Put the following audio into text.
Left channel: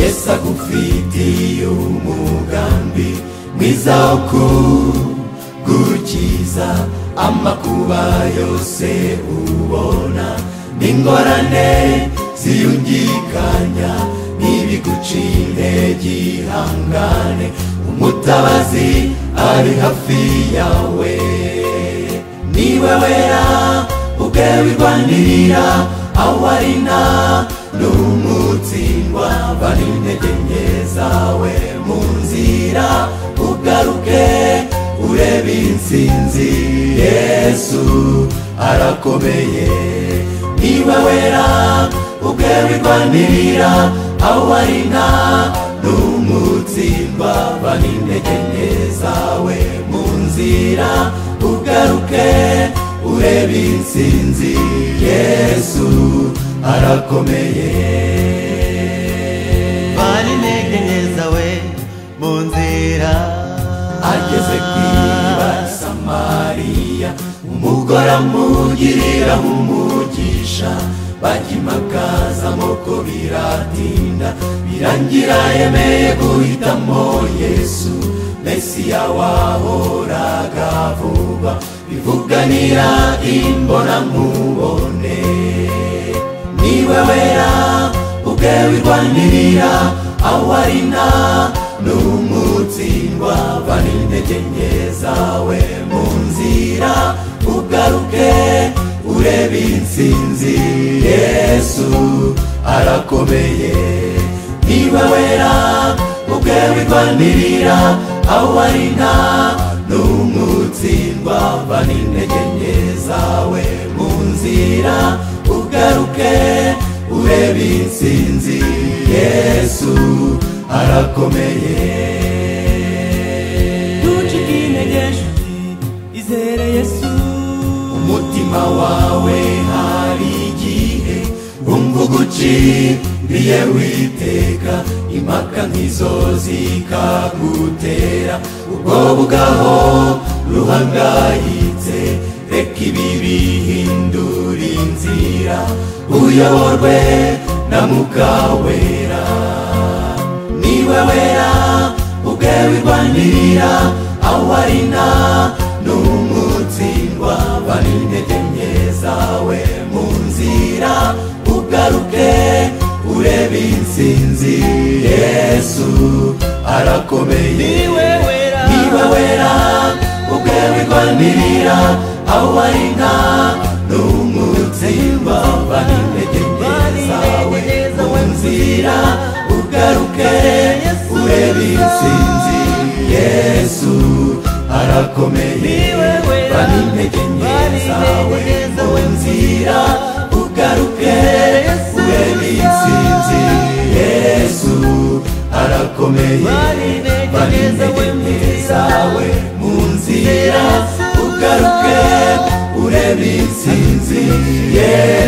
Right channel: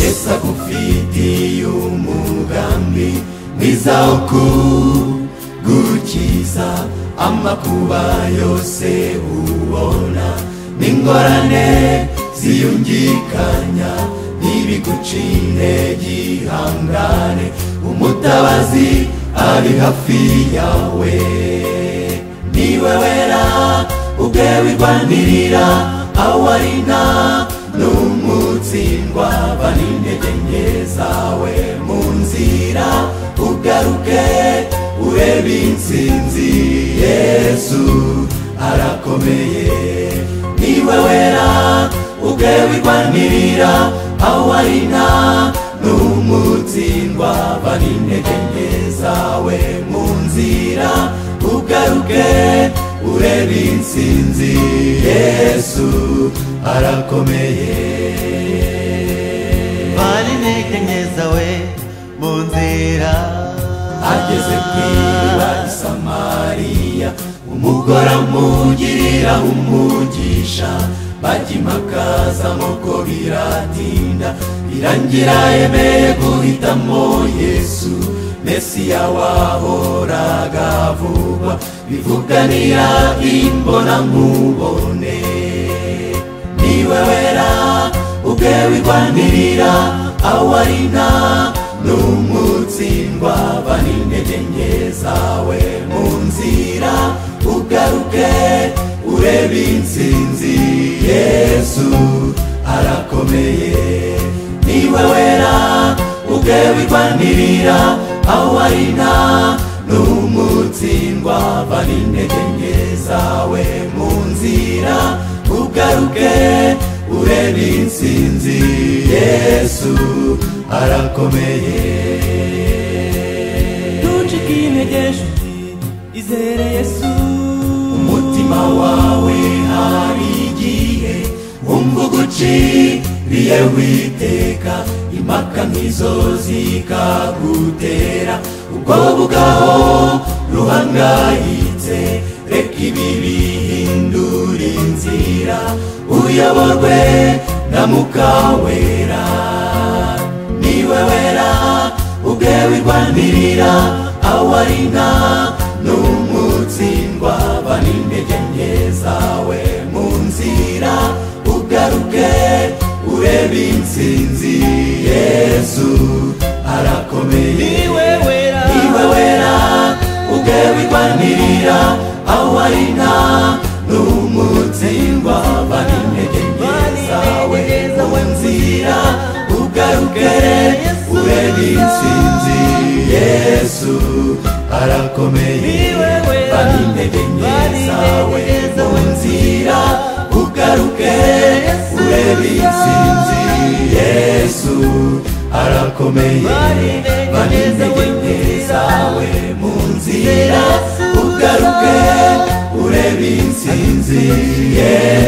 Yesu agufitiye umugambi mwiza wo kugukiza amakuba yose ubona n'ingorane ziyungikanya n'ibigucine gihangane umutabazi ari hafi yawe niwe wera ubwe birwanirira awarina n'umutsindwa bari intege nke zawe mu nzira ugaruke urebe intsinzi Yesu arakomeye niwe wera ubwe birwanirira awarina n'umutsindwa bari intege nke zawe mu nzira ugaruke urebe intsinzi Yesu arakomeye bari intege nke zawe mu nzira ageze kw'iriba Samariya umugore amugirira umugisha bajya impaka nuko biratinda birangira yemeye guhitamo Yesu Mesiya wahoraga vuba bivuganira imbonankubone niwe wera ubwe birwanirira awarina n'umutsindwa bari intege nke zawe mu nzira ugaruke urebe intsinzi Yesu arakomeye niwe wera ubwe birwanirira awarina n'umutsindwa bari intege nke zawe mu nzira ugaruke urebe intsinzi Yesu arakomeye ntucike intege nshuti izere Yesu umutima wawe hari igihe wumva uguciriye witeka impaka nk'izo zikagutera ubwoba bwaho ruhangayitse reka ibi bihindura inzira uyoborwe na Mwuka Wera niwe wera ubwe birwanirira awarina n'umutsindwa bari intege nke zawe mu nzira ugaruke urebe intsinzi Yesu arakomeye niwe wera ubwe birwanirira awarina n'umutsindwa bari intege nke zawe mu nzira ugaruke urebe intsinzi Yesu arakomeye niwe wera bari intege nke zawe mu nzira ugaruke urebe intsinzi Yesu arakomeye bari intege nke zawe mu nzira ugaruke urebe intsinzi Yesu